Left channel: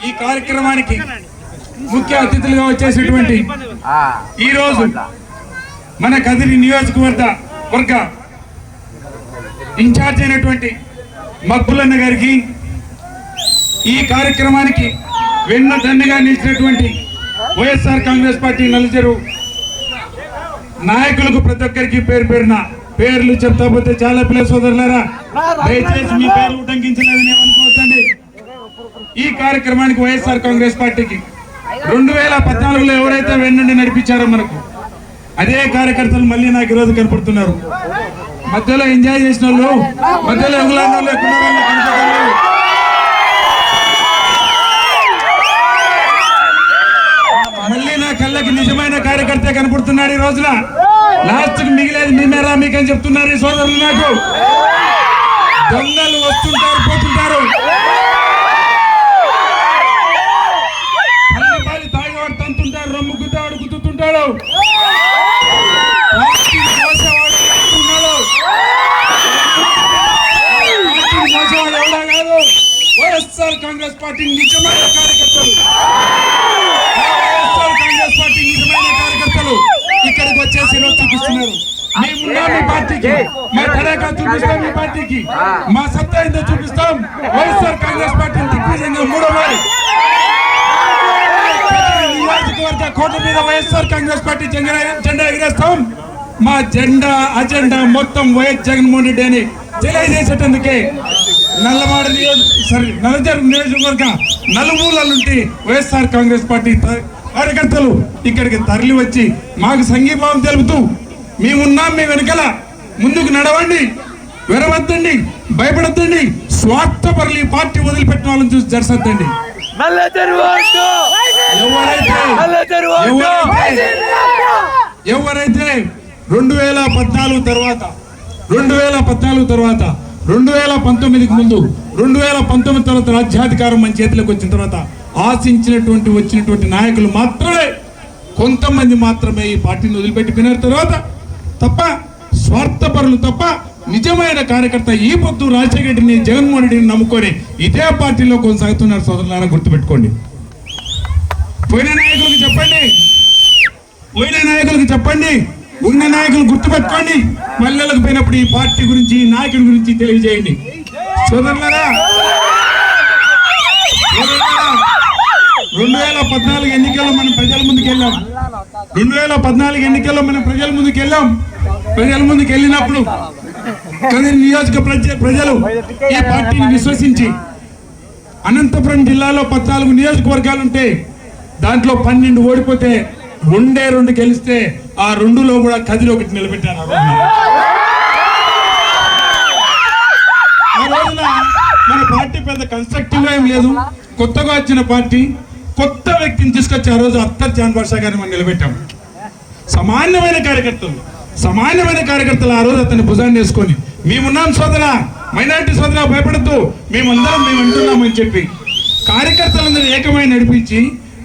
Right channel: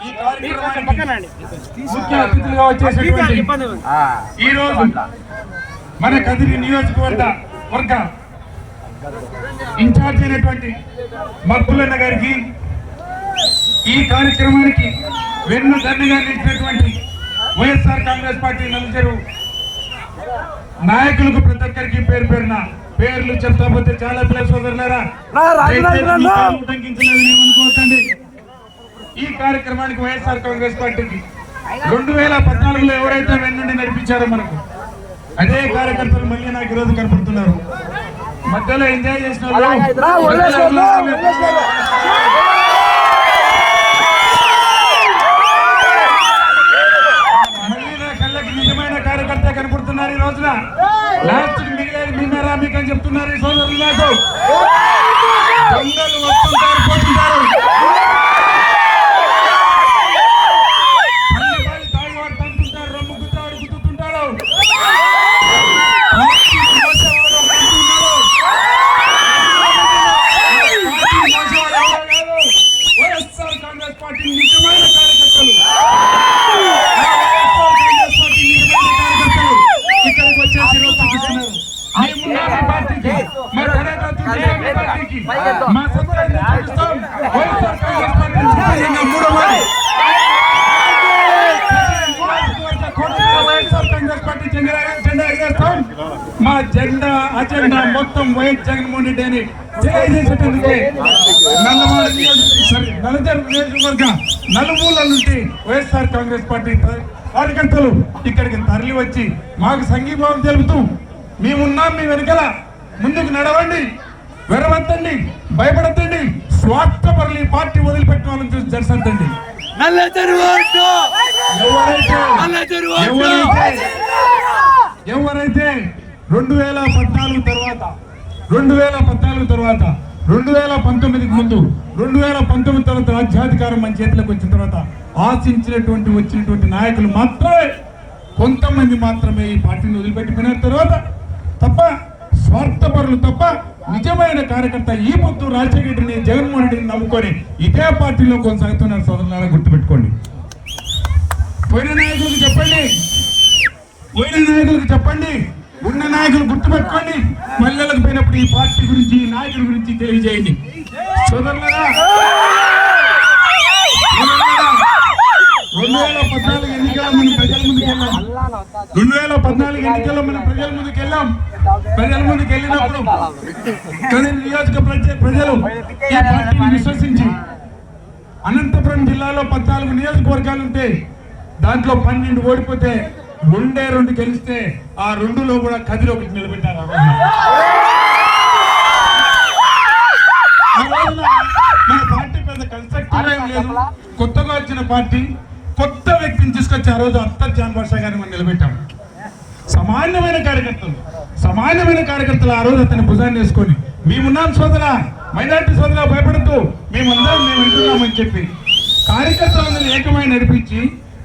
ఈ కార్యక్రమానికి ముఖ్య అతిథులుగా వచ్చేసేటువంటి ఈ రోజు మన కదిరి నియోజకవర్గ వర్గ ఇన్ఛార్జ్ అయినటువంటి మబ్బులన్న గారికి ఈ కార్యక్రమానికి వెన్న దండగా నిలిచినటువంటి వైఎస్ఆర్ కాంగ్రెస్ పార్టీ నలుజరు నాయకులకు ప్రతి ఒక్కరికి పేరు పేరున పేర్లు చెప్తా పోతే చాలా పిల్లల సోదరులారా ఉటంకించలేదని ఈ కార్యక్రమానికి వైఎస్ఆర్ కాంగ్రెస్ పార్టీకి రెండు వేల పద్నాలుగులో ఎవరైతే వెన్నుండి నడిపించారో మనకు అదే కార్యకర్తలు మళ్ళీ నాకు ఈరోజు కనపడుతున్నారు. మధ్యలో ఎంజాయ్ చేసిన వాళ్ళు మధ్యలో నిజమైన మా జెండా అజెండా మొత్తం వైఎస్ జగన్మోహన్ రెడ్డి అని తెలియజేసేటందుకే నల్లవాడ నియోజక సారీ నల్లజర్ నియోజకవర్గ నలుమూల నుండి వైఎస్ఆర్ కాంగ్రెస్ పార్టీ కార్యకర్తలు ఇక్కడికి తరలి వచ్చి మాకు సంఘీభావం తెలుపుతూ మేమున్నాం మీ వెనకల ముందుకు నడవండి విరవద్దండి భయపడద్దండి స్వార్థపరులు ఈ పార్టీ నల్ల చెరువు నల్ల చెరువు ఎవరైతే ఎవరైతే రెండు వేల పద్నాలుగు తర్వాత రెండు వేల పద్నాలుగు తర్వాత రెండు వేల పంతొమ్మిదికి ముందు రెండు వేల పంతొమ్మిది తర్వాత రాజ్యాధికారం మన చేతిలోకి వచ్చిన తర్వాత ఆశించినటువంటి వచ్చినటువంటి నాయకులు మాత్రమే కొంతమంది మాత్రమే ఈ పార్టీని వదిలిపెట్టిపోయిన తర్వాత తప్ప స్వార్థపరులు తప్ప నిజమైన కార్యకర్త ఈ పొత్తు రాజశేఖర రెడ్డిని జగన్మోహన్ రెడ్డిని నమ్ముకొని ఇదే పార్టీలో కొనసాగుతున్నారు సోదరులారా గుర్తుపెట్టుకోండి. పోయిన నాయకులకు చెప్పండి. పోయిన నాయకులకు చెప్పండి. ఉన్న నాయకులు గుర్తుపెట్టుకోండి. మల్లెలకు పోయినప్పుడు ఈ పార్టీ గురించి ఈ నాయకుడి గురించి తెలియజేయండి. సోదరులారా సోదరులారా, రెండు వేల పద్నాలుగు ఎన్నికల్లో మనం ప్రజల ముందుకు వెళ్ళాం రెండు వేల పద్నాలుగు ఎన్నికల్లో మనం ప్రజల ముందుకు వెళ్ళాం ప్రజల ముందుకు వెళ్ళినప్పుడు కదిరి నియోజక ప్రజలు ఈ పార్టీని విశ్వసించి అనంతపురం జిల్లాలో పద్నాలుగు నియోజకవర్గాలు ఉంటే దాంట్లో పన్నెండు ఓడిపోతే రెండే రెండు గెలిస్తే ఆ రెండులో కూడా కదిరి ఒకటి నిలబెట్టారు మన పార్టీ పెద్ద కన్స్ట్రక్టివ్ ఏం లేదు. కొత్తగా వచ్చిన పార్టీ కొత్త వ్యక్తిని తీసుకొచ్చి ఆ రోజు అత్తర్ జాన్ వర్ష గారిని మనం నిలబెట్టాం. సమాన్యమైన కార్యకర్తలు సమాన్యమైన కార్యకర్తలు ఆ రోజు అతని భుజాన్ని వేసుకొని మేమున్నాం సోదర మైనార్టీ సోదర భయపడద్దు మేమందరం మేము వింటున్నామని చెప్పి కార్యకర్తలందరూ ఏకమై నడిపించి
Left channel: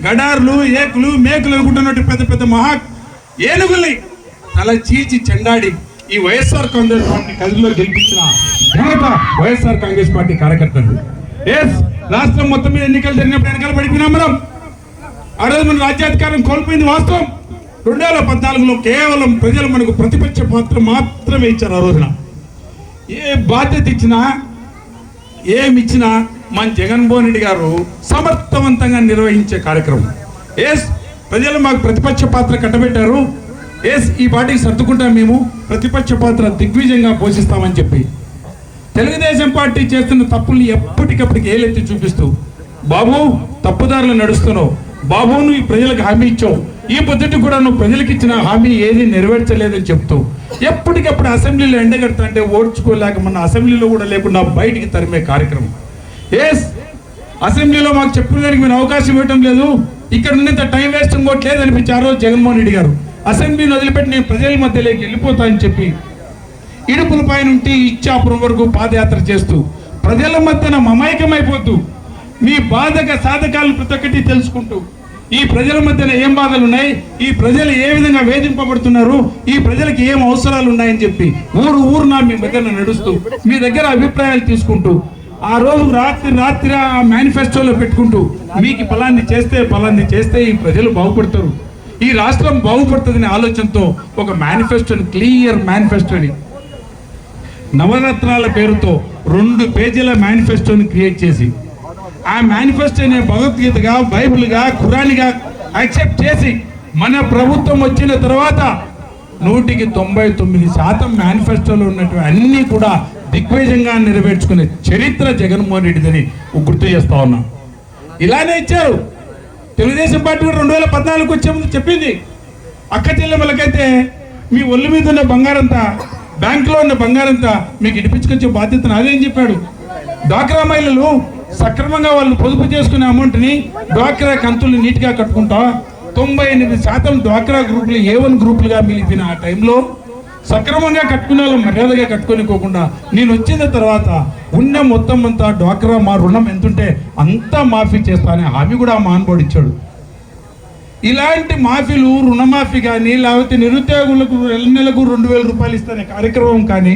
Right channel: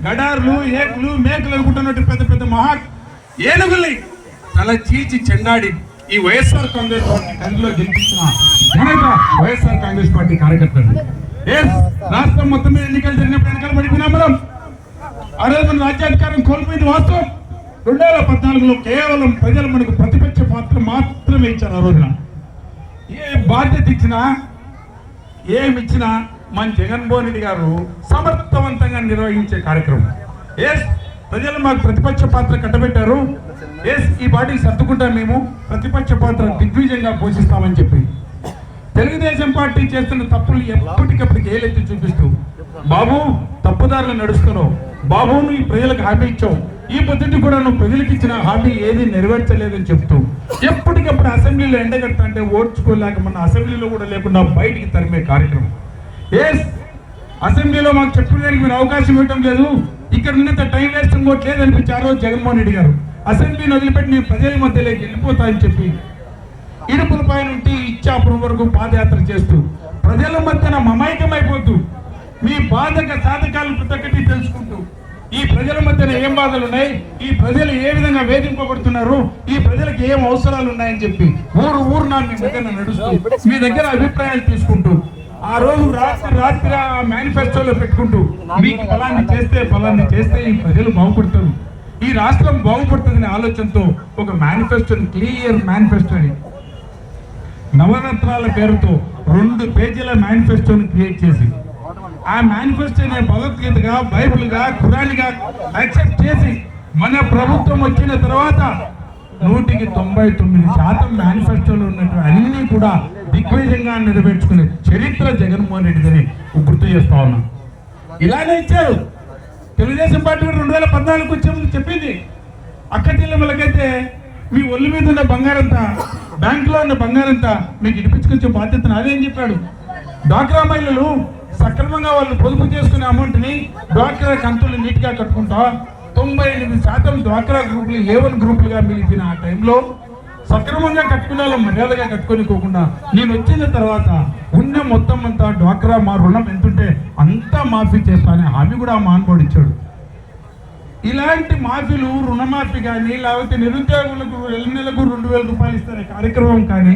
గడార్లు ఏకులు మేకులు అనుకుంటున్నట్టు పెద్ద పెద్ద మహా ఏనుగుల్ని తల చీచి చెండాడి ఈ వైఎస్ఆర్ కాంగ్రెస్ పార్టీ కదిలో గెలిపించిన వైఎస్ఆర్ కాంగ్రెస్ పార్టీ కార్యకర్తలు. ఎస్ రాష్ట్రం మొత్తం మీద ఎన్నికలు జరిగినప్పుడు ఎన్నికలు పడిపోయినాం మనం. ఆ రోజు మన రాజ్యాధికారం కోల్పోయింది వాస్తవం. రెండు వేల పద్నాలుగులో కేవలం ప్రజలు మనకు ప్రతిపక్ష పాత్ర మాత్రమే ఇచ్చారు ఆ రోజున. ఏ బాధ్యత ఇచ్చినా ఏమి ఇచ్చినా మన జగన్మోహన్ రెడ్డి గారు సమర్థవంతంగా నిర్వహించే కార్యక్రమం. ఎస్ ప్రజలు మాకు ప్రతిపక్ష పాత్ర కట్టబెట్టారు. ఎస్ ఈ పార్టీకి సర్దుకుంటాం మేము. ప్రతిపక్ష పాత్ర దిగ్విజయంగా పోషిస్తామని చెప్పి. తెలుగుదేశం పార్టీ చేస్తున్న తప్పుల్ని ఎప్పటికప్పటికి ఏలెత్తి చూపిస్తూ బాబు తప్పుదారులు నడుస్తున్నావు. బాబు నువ్వు ఈ ప్రజలకు హామీ ఇచ్చావు. ఈ పొద్దుటి కూడా నువ్వు ప్రజలకు ఇచ్చిన హామీ ఏది నెరవేర్చలేదని చెప్తూ ఎప్పటికప్పుడు అసెంబ్లీలో ఎండగడతా అంటే ఓడ్చుకోలేక మన అసెంబ్లీలో కూడా లేకుండా బయటికి తరిమే కార్యక్రమం. ఎస్ అసెంబ్లీలో మాకు చెప్పిన దానికి మీరు అవకాశం ఇవ్వటం లేదు. ఇక్కడ ఉన్నంత టైం వేస్ట్ ఇంకోట్లేదు అనిపించారు జగన్మోహన్ రెడ్డి గారు అసెంబ్లీని వదిలిపెట్టి నేను ప్రజల మధ్యలోకి వెళ్ళిపోతా అని చెప్పి ఇడుపుల పైన ఉంటే ఇచ్చాపురం వరకు పాదయాత్ర చేస్తూ ప్రజల మధ్యన మమైకమైపోతూ రియాలిటీ తెలుసుకుంటూ ఈ ప్రజల మధ్యన ఏం బాధలు ఉన్నాయి ఈ ప్రజలు ఏ విధంగా వేధింపబడుతున్నారు ఈ ప్రజలకు ఏం అవసరాలు ఉన్నాయని చెప్పి ఊరు ఊరున మీ దగ్గర నడుస్తూ మీ దగ్గర అభిప్రాయాలు తీసుకుంటూ ఆ రోజు రాత్రి రాత్రి ఆ మేనిఫెస్టోలో పెట్టుకుంటూ మీకు ఫలాన్ని చేస్తే ఫలాన్ని చేస్తే ఈ ప్రజలు బాగుపడతారు. ఈ రాష్ట్రం బాగుపడుతుందనే ఆలోచనతో ఒక మేనిఫెస్టోని క్లియర్ మేనిఫెస్టోని నవరత్నాల పేరుతో రెండు పేజీల మేనిఫెస్టోని క్రియేట్ చేసి ఆ మేనిఫెస్టోని భగవద్గీతగా బైబిల్గా ఖురానిగా యాక్సెప్ట్ చేసి మన ప్రభుత్వం వచ్చిన తర్వాత నూటికి తొంభై తొమ్మిది శాతం మేనిఫెస్టోలో ఉన్నటువంటి అన్ని కూడా దిగ్విజయంగా నెరవేర్చుకునే చరిత్ర జగన్మోహన్ రెడ్డిదని గుర్తు చేస్తా ఉన్నా. ఇలానే ఇచ్చారు. తెలుగుదేశం పార్టీ కూడా రెండు వేల పద్నాలుగు వచ్చే ముందు చెప్పింది. అక్క చెల్లెమ్మలకైతే మీ ఒళ్ళు మీద ఉన్న బంగారంతా బ్యాంకులో ఉన్న బంగారంతా మీకు ఇడిపించుకొచ్చే బాధ్యత నాదేం చెప్పాడు. డ్వాక్రా మహిళలు సక్రమంగా వాళ్ళని పొదుపు చేసుకునే అమౌంట్ని డ్వాక్రా కంతులు నీట్గా కట్టుకుంటా తొంభై ఎనిమిది శాతం డ్వాక్రా గ్రూపులు ఏవన్ గ్రూపులుగా మిలిపిన ఆ టైంలో సక్రమంగా కట్టుకునే మర్యాదగా కట్టుకోనికోకుండా నేను వచ్చిన తర్వాత ఉన్న మొత్తం అంతా డ్వాక్రా మా రుణం ఎంతుంటే అంతా మాఫీ చేస్తా అనే హామీ కూడా ఆ ఇలాంటి మాఫీలు రుణమాఫీ కానీ లేకపోతే నిరుద్యోగులకు నెల నెలకు రెండు వేల రూపాయలు ఇస్తానే కార్యక్రమం కానీ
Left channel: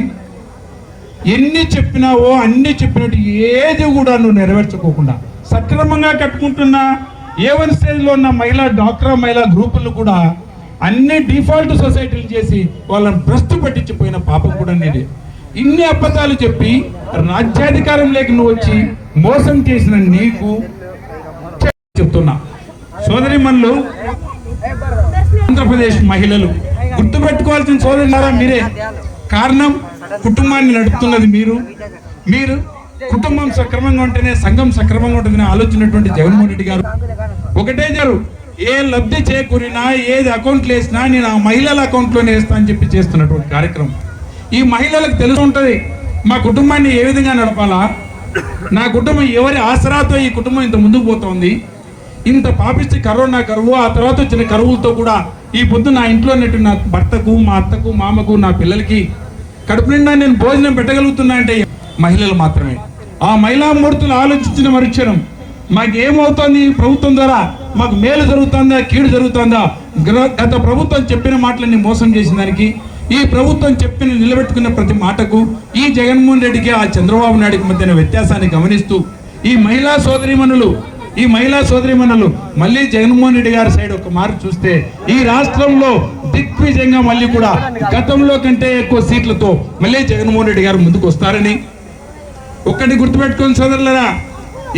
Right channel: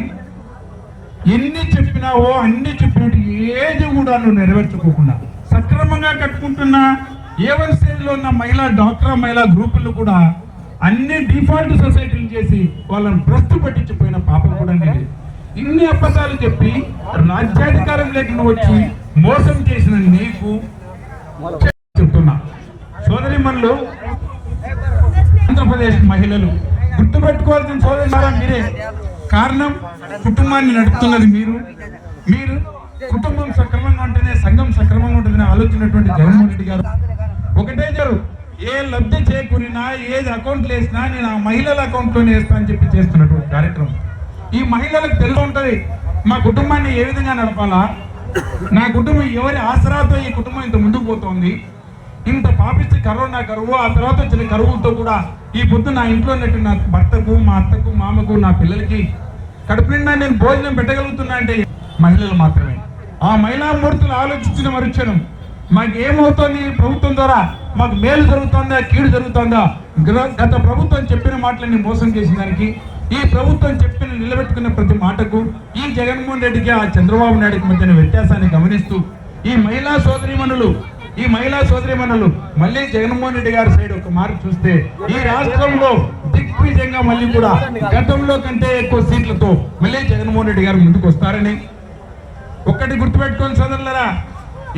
ఎన్ని చెప్పినావో అన్ని చెప్పినట్టు ఏది కూడా నువ్వు నెరవేర్చుకోకుండా సక్రమంగా కట్టుకుంటున్న ఏ వన్ స్టేజ్లో ఉన్న మహిళా డాక్రా మహిళా గ్రూపులు కూడా అన్ని డిఫాల్ట్ సొసైటీలు చేసి వాళ్ళని భ్రష్టు పట్టించిపోయిన పాపం కూడా నేనే. ఇన్ని అబద్ధాలు చెప్పి రాజ్యాధికారం లేక నువ్వు వచ్చి మోసం చేసిన నీకు చెప్తున్నా సోదరి ఆంధ్రప్రదేశ్ మహిళలు. గుర్తుపెట్టుకోవాల్సిన సోదరులారా మీరే. కారణం కుటుంబాన్ని నడుపుతున్నది మీరు. మీరు కుటుంబం సక్రమంగా ఉంటేనే సంఘం సక్రమంగా ఉంటుందని ఆలోచనటువంటి జగన్మోహన్ రెడ్డి గారు. ఒకటే జరు ఏ లబ్ధి చేకూరినా ఏది అకౌంట్లు వేసినా నేను ఆ మహిళల అకౌంట్లోనే వేస్తా అని చెప్పి చేస్తున్నటువంటి కార్యక్రమం. ఈ మహిళలకు తెలిసి ఉంటుంది మా కుటుంబాన్ని ఏ విధంగా నడపాలా? నా కుటుంబం ఎవరి ఆసరాతో ఈ కుటుంబం ఇంత ముందుకు పోతోంది? ఇంత పాపిస్తే కరోనా కరువు ఆ తర్వాత వచ్చిన కరువులతో కూడా ఈ పొద్దు నా ఇంట్లో ఉన్నట్టు నా భర్తకు మా అత్తకు మామకు నా పిల్లలకి కడుపు నిండా నేను భోజనం పెట్టగలుగుతున్నా అంటే మహిళలు మాత్రమే. ఆ మహిళా మూర్తులు ఆలోచించిన మరుక్షణం మాకు ఏమవుతోంది ప్రభుత్వం ద్వారా మాకు మేలు జరుగుతుందా? కీడు జరుగుతుందా? గత ప్రభుత్వం చెప్పిన మాటలన్నీ మోసం చేసిన దానికి ఈ ప్రభుత్వం చెప్పిన నిలబెట్టుకున్న ప్రతి మాటకు ఈ జగన్మోహన్ రెడ్డికి ఆ చంద్రబాబు నాయుడికి మధ్యన వ్యత్యాసాన్ని గమనిస్తూ ఈ మహిళా సోదరిమణులు ఈ మహిళా సోదరిమణులు మళ్ళీ జగన్మోహన్ రెడ్డి గారి సైడ్ ఒక మార్పు చూస్తే ఈ రాష్ట్రంలో దిగ్విజయంగా మళ్ళీ కూడా గతంలో కంటే ఎక్కువ సీట్లతో మళ్ళీ జగన్మోహన్ రెడ్డి గారు ముందుకు వస్తారని ఒక్కటి గుర్తుపెట్టుకోండి సోదరులరా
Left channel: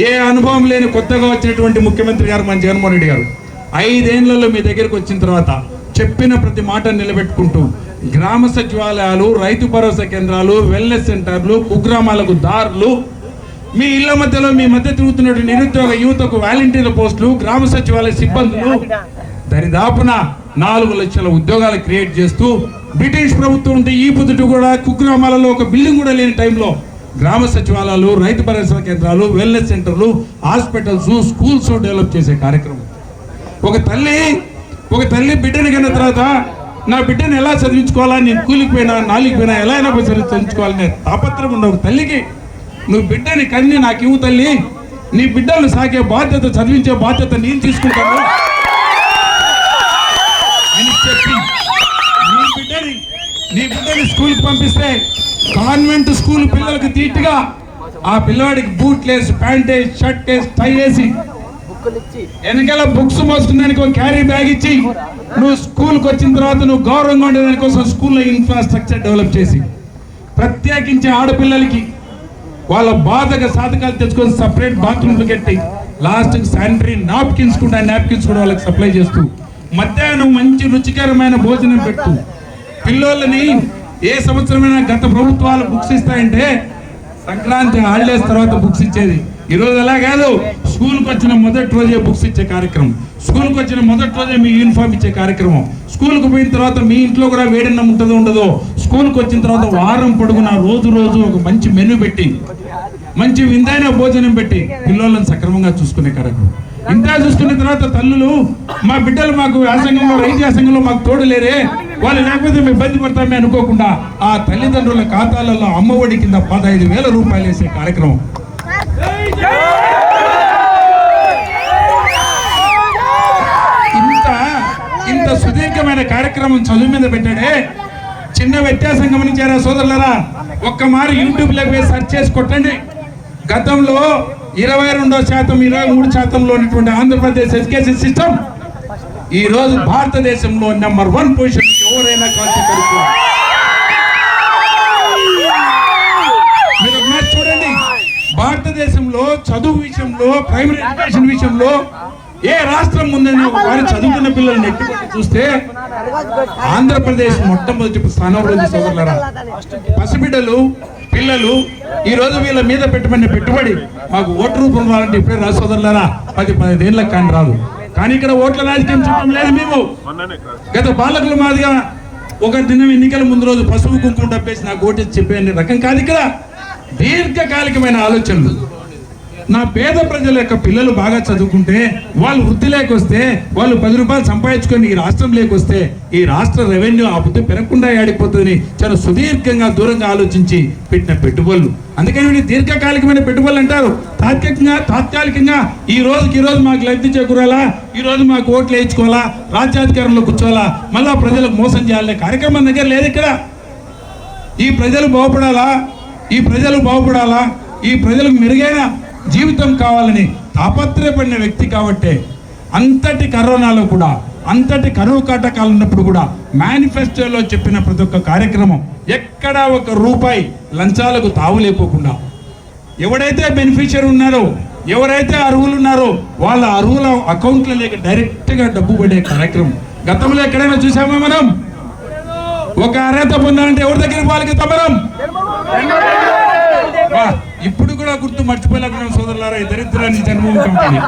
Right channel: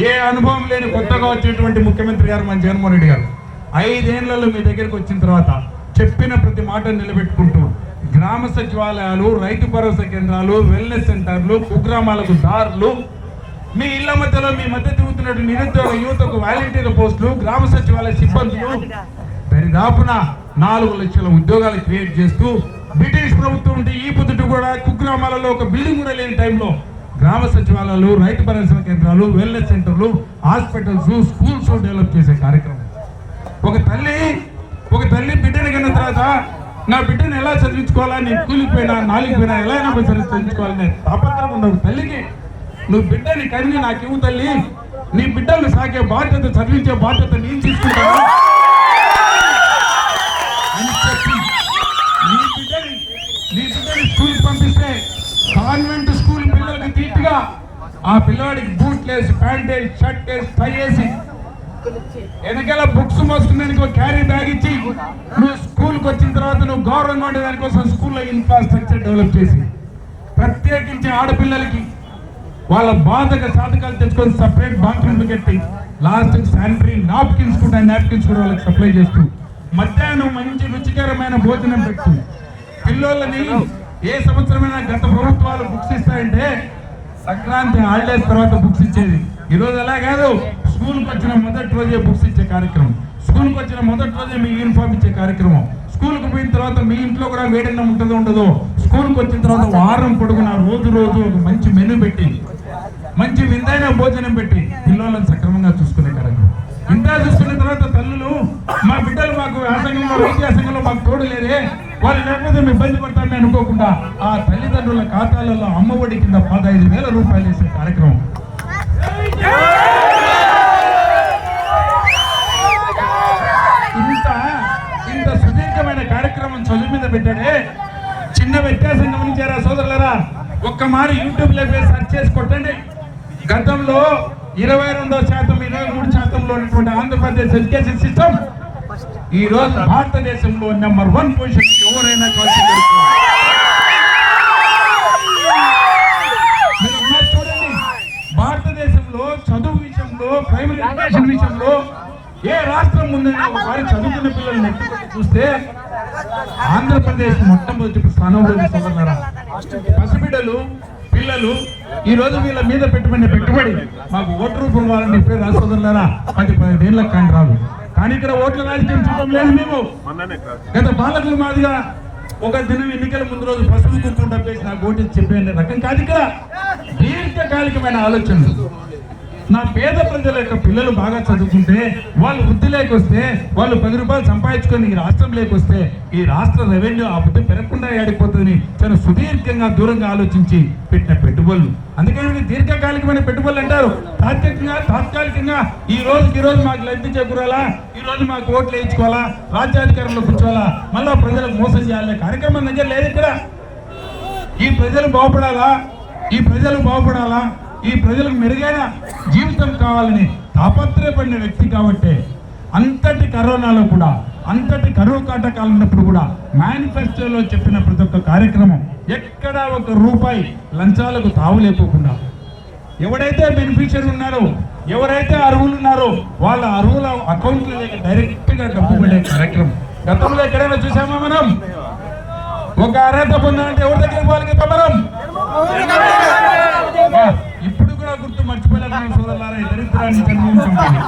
ఏ అనుభవం లేని కొత్తగా వచ్చినటువంటి ముఖ్యమంత్రి గారు మన జగన్మోహన్ రెడ్డి గారు. ఐదేళ్ళలో మీ దగ్గరకు వచ్చిన తర్వాత చెప్పిన ప్రతి మాట నిలబెట్టుకుంటూ గ్రామ సచివాలయాలు రైతు భరోసా కేంద్రాలు వెల్నెస్ సెంటర్లు కుగ్రామాలకు దారులు మీ ఇళ్ళ మధ్యలో మీ మధ్య తిరుగుతున్నటువంటి నిరుద్యోగ యువతకు వాలంటీర్ల పోస్టులు గ్రామ సచివాలయ సిబ్బందులు దరిదాపున నాలుగు లక్షల ఉద్యోగాలు క్రియేట్ చేస్తూ బ్రిటిష్ ప్రభుత్వం ఉంటే ఈ పొద్దుట కూడా కుగ్రామాలలో ఒక బిల్డింగ్ కూడా లేని టైంలో గ్రామ సచివాలయాలు రైతు భరోసా కేంద్రాలు వెల్నెస్ సెంటర్లు హాస్పిటల్స్ స్కూల్స్ డెవలప్ చేసే కార్యక్రమం. ఒక తల్లి ఒక తల్లి బిడ్డను కన్న తర్వాత నా బిడ్డను ఎలా చదివించుకోవాలా నేను కూలికి పోయినా నాలుగు పోయినా ఎలా అయినా చదివి- చదివించుకోవాలనే తాపత్రం ఉన్న ఒక తల్లికి నువ్వు బిడ్డని కన్ని నాకు ఇవ్వు తల్లి. నీ బిడ్డలు సాకే బాధ్యత చదివించే బాధ్యత నేను తీసుకుంటాను. అని చెప్పి నీ బిడ్డని నీ బిడ్డని స్కూల్కి పంపిస్తే కాన్వెంట్ స్కూల్ పిల్లలకి తీటుగా ఆ పిల్లవాడికి బూట్లు వేసి ప్యాంట్ వేసి షర్ట్ వేసి టై వేసి వెనకాల బుక్స్ మోసుకున్నానికి ఒక క్యారీ బ్యాగ్ ఇచ్చి నువ్వు స్కూల్కి వచ్చిన తర్వాత నువ్వు గౌరవంగా ఉండే దానికోసం స్కూల్లో ఇన్ఫ్రాస్ట్రక్చర్ డెవలప్ చేసి ప్రత్యేకించి ఆడపిల్లలకి వాళ్ళ బాధగా సాధకాలు తెచ్చుకొని సపరేట్ బాత్రూమ్లు కట్టి లాస్ట్ శానిటరీ నాప్కిన్స్ కూడా నాప్కిన్స్ కూడా వాళ్ళకి సప్లై చేస్తూ మధ్యాహ్నం మంచి రుచికరమైన భోజనం పెట్టు. పిల్లోళ్ళని ఏ సంవత్సరమైనా గత ప్రభుత్వాలు బుక్స్ ఇస్తాయంటే సంక్రాంతి హాలిడేస్ తర్వాత బుక్స్ ఇచ్చేది. ఈ రోజు అలా కాదు. స్కూల్కి వచ్చిన మొదటి రోజే బుక్స్ ఇచ్చే కార్యక్రమం. స్కూల్కి వచ్చిన మొదటి రోజే మీ యూనిఫామ్ ఇచ్చే కార్యక్రమం. స్కూల్కి పోయిన తర్వాత మీ ఇంట్లో కూడా వేడన్నం ఉంటుందో ఉండదో స్కూల్కి వచ్చిన తర్వాత వారం పొడుగున రోజు రోజు ఒక మంచి మెనూ పెట్టి మంచి విందైన భోజనం పెట్టి పిల్లలను సక్రమంగా చూసుకునే కార్యక్రమం ఇంత చూసుకున్న తర్వాత తల్లులు మా బిడ్డలు మాకు వ్యాసంగంలో వైద్య సంఘంలో మాకు తోడలేరే. వాళ్ళు లేకపోతే మేము ఇబ్బంది పడతామే అనుకోకుండా ఆ తల్లిదండ్రుల ఖాతాలలో అమ్మఒడి కింద పదహైదు వేల రూపాయలు వేసే కార్యక్రమం. ఇంత ఇంత సుదీర్ఘమైన కార్యక్రమం చదువు మీద పెట్టాడే. చిన్న వ్యత్యాసం గమనించారా సోదరులరా. ఒక్క మారి యూట్యూబ్లో పోయి సెర్చ్ చేసి కొట్టండి. గతంలో ఇరవై రెండో శాతం ఇరవై మూడు శాతంలో ఉన్నటువంటి ఆంధ్రప్రదేశ్ ఎడ్యుకేషన్ సిస్టమ్ ఈ రోజు భారతదేశంలో నెంబర్ వన్ పొజిషన్ ఎవరైనా కలిసి మీరు చూడండి. భారతదేశంలో చదువు విషయంలో ప్రైమరీ ఎడ్యుకేషన్ విషయంలో ఏ రాష్ట్రం ముందైనా వారి చదువుకున్న పిల్లల్ని చూస్తే ఆంధ్రప్రదేశ్ మొట్టమొదటి స్థానంలో సోదరులారా పసిబిడ్డలు పిల్లలు ఈ రోజు వీళ్ళ మీద పెట్టమని పెట్టుబడి మాకు ఓటు రూపం వాళ్ళని చెప్పారు రా సోదరులారా పది పదిహేనులకు కానీ రాదు కానీ ఇక్కడ ఓట్ల రాజకీయం చూడడం లేదు మేము. గత పాలకుల మాదిగా ఒక దినం ఎన్నికల ముందు రోజు పసుపు కుంకుమ డబ్బేసి నాకు ఓటు చెప్పే రకం కాదు ఇక్కడ. దీర్ఘకాలికమైన ఆలోచనలు. నా పేద ప్రజల యొక్క పిల్లలు బాగా చదువుకుంటే వాళ్ళు వృద్ధి లేకొస్తే వాళ్ళు పది రూపాయలు సంపాదించుకొని ఈ రాష్ట్రం లేకొస్తే ఈ రాష్ట్ర రెవెన్యూ ఆ బుద్ధి పెరగకుండా ఆడిపోతుందని చాలా సుదీర్ఘంగా దూరంగా ఆలోచించి పెట్టిన పెట్టుబడులు. అందుకని వీళ్ళు దీర్ఘకాలికమైన పెట్టుబడులు అంటారు. తాత్కాలికంగా తాత్కాలికంగా ఈ రోజుకి ఈ రోజు మాకు లబ్ధి చేకూరాలా? ఈ రోజు మాకు ఓట్లు వేయించుకోవాలా? రాజ్యాధికారంలో కూర్చోవాలా? మళ్ళా ప్రజలకు మోసం చేయాలనే కార్యక్రమం దగ్గర లేదు ఇక్కడ. ఈ ప్రజలు బాగుపడాలా? ఈ ప్రజలు బాగుపడాలా? ఈ ప్రజలకు మెరుగైన జీవితం కావాలని తాపత్రయపడిన వ్యక్తి కాబట్టే అంతటి కరోనాలో కూడా అంతటి కరువు కాటకాలు ఉన్నప్పుడు కూడా మేనిఫెస్టోలో చెప్పిన ప్రతి ఒక్క కార్యక్రమం ఎక్కడా ఒక రూపాయి లంచాలకు తావులేకోకుండా ఎవడైతే బెనిఫిషియర్ ఉన్నారో ఎవరైతే అర్హులు ఉన్నారో వాళ్ళ అర్హుల అకౌంట్లో లేక డైరెక్ట్గా డబ్బు పడే కార్యక్రమం. గతంలో ఎక్కడైనా చూసామా మనం? ఒక అర్హత పొందాలంటే ఎవరి దగ్గర వాళ్ళకి తమరం కూడా గుర్తు మర్చిపోలేకపోయిన సోదరులారా ఈ దరిద్రాన్ని జన్మభూమి కమిటీ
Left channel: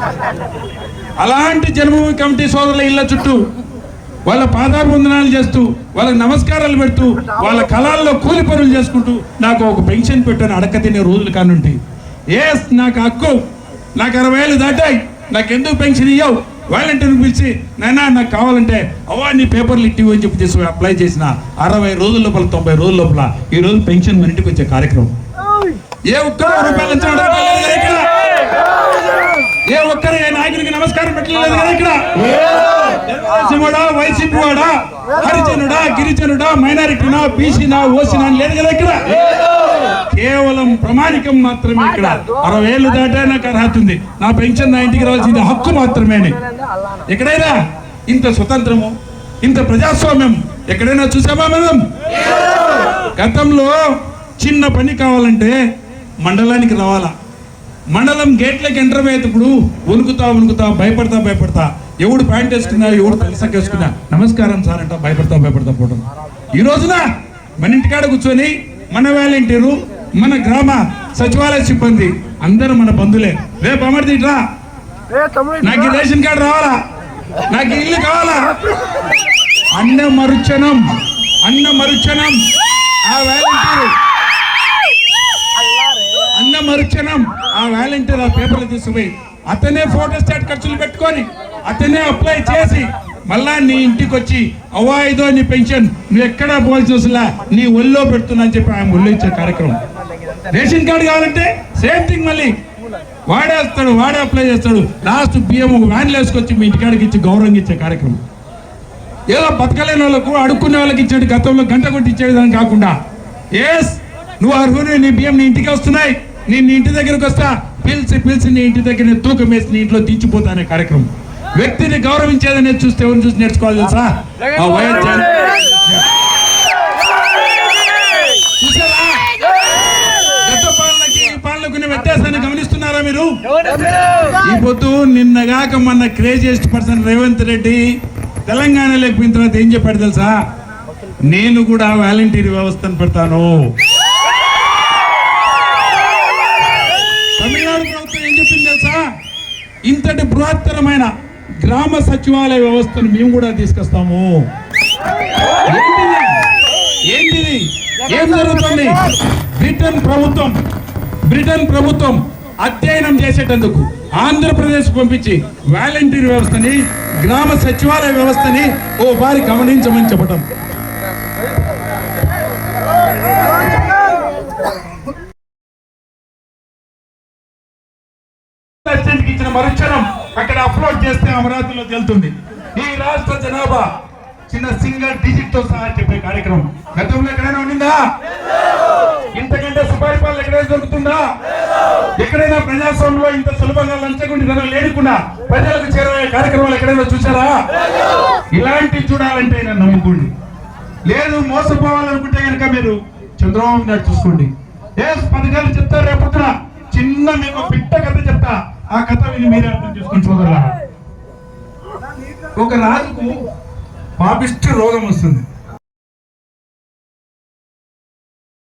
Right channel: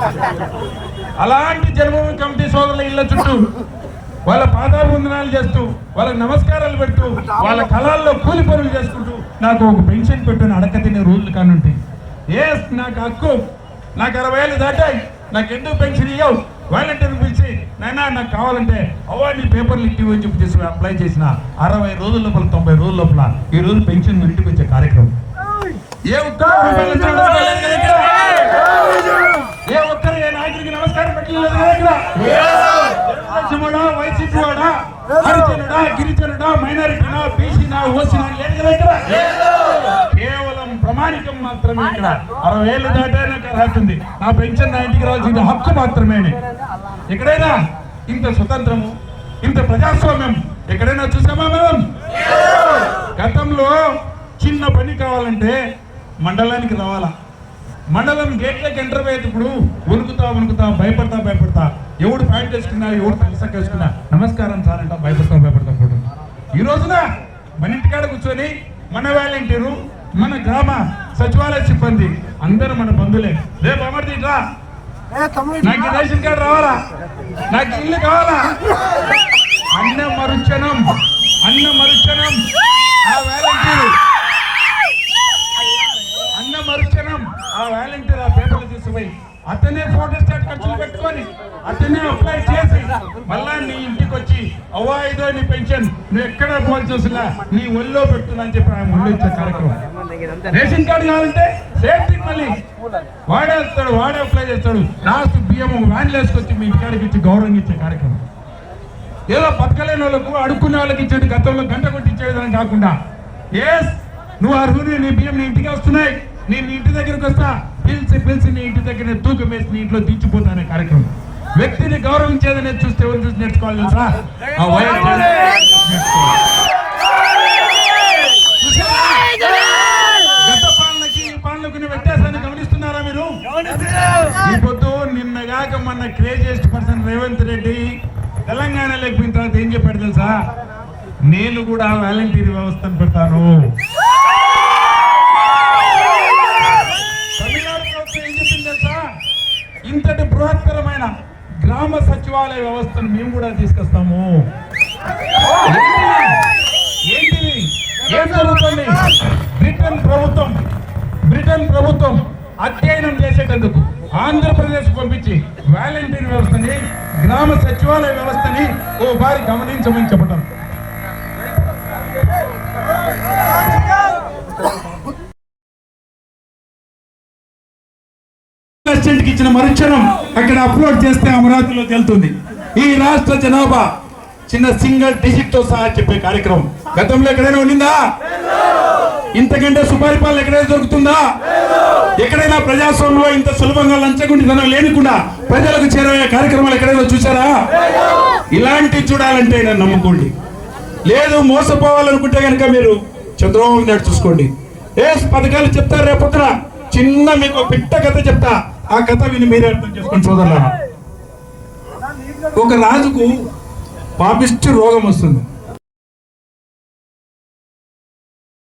అలాంటి జన్మభూమి కమిటీ సోదరుల ఇళ్ళ చుట్టూ వాళ్ళ పాదాభివందనాలు చేస్తూ వాళ్ళకి నమస్కారాలు పెడుతూ వాళ్ళ కళల్లో కూలి పనులు చేసుకుంటూ నాకు ఒక పెన్షన్ పెట్టని అడక తినే రోజులు కానుంటి ఏస్ నాకు హక్కు నాకు అరవై ఏళ్ళు దాటాయి నాకు ఎందుకు పెన్షన్ ఇవ్వవు వాలంటీర్ని పిలిచి నైనా నాకు కావాలంటే అవన్నీ పేపర్లు ఇట్టి అని చెప్పి తీసుకుని అప్లై చేసిన అరవై రోజుల లోపల తొంభై రోజుల లోపల ఈ రోజు పెన్షన్ మన ఇంటికి వచ్చే కార్యక్రమం. ఏ ఒక్క రూపాయలు ఇచ్చిన రూపాయలు లేదు ఇక్కడ. ఏ ఒక్కరు ఏ నాయకుడికి నమస్కారం పెట్టలేదు కదా ఇక్కడ? తెలుగుదేశంవాడా వైసీపీ వాడా హరిజనుడా గిరిజనుడా మైనారిటీనా బీసీనా ఓసీనా అని లేదు కదా ఇక్కడ? కేవలం ప్రమాణికం మాత్రమే ఇక్కడ. అరవై ఏళ్ళు దాటా నాకు అర్హత ఉంది. నా పెన్షన్ నా ఇంటికి రావాల్సింది హక్కు మాత్రమే ఎక్కడైనా ఇంత స్వతంత్రము ఇంత ప్రజాస్వామ్యం ఎక్కడైనా చూసామా మనం? గతంలో చిన్న పని కావాలంటే మండలానికి రావాలా? మండలం గేట్లకి ఎంటర్ అయ్యేటప్పుడు వణుకుతా వణుకుతా భయపడతా భయపడతా. ఎవడు ప్యాంట్ వేసుకున్నా ఎవడు పెన్సక్ వేసుకున్నా నమస్కారం సార్ అంట భయపడతా భయపడతా పోవడం ఈ రోజున మన ఇంటికాడ కూర్చొని మన వాలంటీరు మన గ్రామ సచివాలయ సిబ్బంది అందరూ మన బంధువులే. రేపు అమర్ది రా నాకు రేషన్ కార్డు రావాలా? నాకు ఇల్లు కావాలా? అన్న మరుచనం అన్న మరుచనం ఆ వాలంటీర్ అన్న మరుక్షణం ఆ వాలంటీర్ ఆ పేపర్లు తీసుకుపోయి అతనే ఫోటోస్టాట్ ఖర్చులు పెట్టుకొని అతనే అప్లై చేసి మళ్ళా నీ ఇంటికి వచ్చి అవ్వా ఇదో నీ పెన్షన్ నువ్వు ఎక్కడా పోల్ చూసిలా నీ ఒళ్ళో పెడుతున్నా అని చెప్పి ఆయన ఒళ్ళు ఇచ్చే కార్యక్రమం. రేషన్ కార్డు కావాలంటే సేమ్ థింగ్ మళ్ళీ. వాడేస్తాడు వాడే అప్లై చేస్తాడు. లాస్ట్ బియ్యం వ్యాన్లు వేసుకొచ్చి మీ ఇంటికాడికి ఇచ్చి గౌరవం ఇచ్చే కార్యక్రమం. ఏదో బతకలేని వాళ్ళకు అడుక్కునే వాళ్ళకి ఇచ్చేది గతంలో గంట కొట్టి ఇచ్చేదాన్ని కాకుండా. ఎస్ నువ్వు అర్హుని నీ బియ్యం నీ ఇంటికి వస్తున్నాయి. నేను నీ ఇంటి దగ్గరికి వస్తా. పిలిచి పిలిచి నీ ఇంటి దగ్గర నేను తూకం వేసి నీ ఇంట్లో దించిపోతానే కార్యక్రమం. వ్యక్తిని గౌరవించేదని చూస్తే ఎవరిని చూసి నేర్చుకోవాలి తెలుసా? ఆ గత పాలనకి ఈ వ్యత్యాసాన్ని గమనిస్తున్నారా మీరు? ఈ పొద్దు నిన్నగాక మొన్న క్రేజియస్ట్ పర్సన్ రేవంత్ రెడ్డి తెలంగాణ ఎక్కిన తర్వాత ఏం చెప్పాడు తెలుసా? నేను కూడా వాలంటీర్ వ్యవస్థను పెడతాను. సచివాలయ వ్యవస్థను మేము కూడా తీసుకొస్తాము. ఏంటిది? ఏం జరుగుతుంది? బ్రిటన్ ప్రభుత్వం బ్రిటన్ ప్రభుత్వం అధ్యయనం చేసేటందుకు ఆంధ్రప్రదేశ్ పంపించి వాలంటీర్ వ్యవస్థని గ్రామ సచివాలయ వ్యవస్థని ఓ వారి గమనించమని చెప్పడం మరుక్షణం అక్కడ అప్లోడ్ చేస్తే అమరావతిలో తెలుతుంది ఈ రాష్ట్ర జనాభా చిన్న సింగిల్ డిజిట్తో సహా చెప్పే కార్యక్రమం. గతంలో ఎక్కడైనా ఉండిందా? ఇంతకంటే సుపరిపాలన ఎక్కడైనా దొరుకుతుందా? ఎక్కడైనా ప్రజాస్వామ్యంలో ఇంత సులభంగా లంచగొండితనం లేనికుండా ప్రజలకు చేరవే కార్యక్రమాలు ఎక్కడైనా చూసారా ఇలాంటి చూడాలంటే నన్ను నమ్ముకోండి. లేదు మోసపోవాలనుకుంటే కనుక మీరు చంద్రబాబు నాయుడు చూసుకోండి. ఏ పథకాలు చెప్తారు రేపొద్దున? చిన్న మీకు పిట్ట కథ చెప్తా. ఆ కథ విని మీరే అర్థం చేసుకొని చూడాలి ఒక రాజుకు పాపిష్టి రోగం వస్తుంది.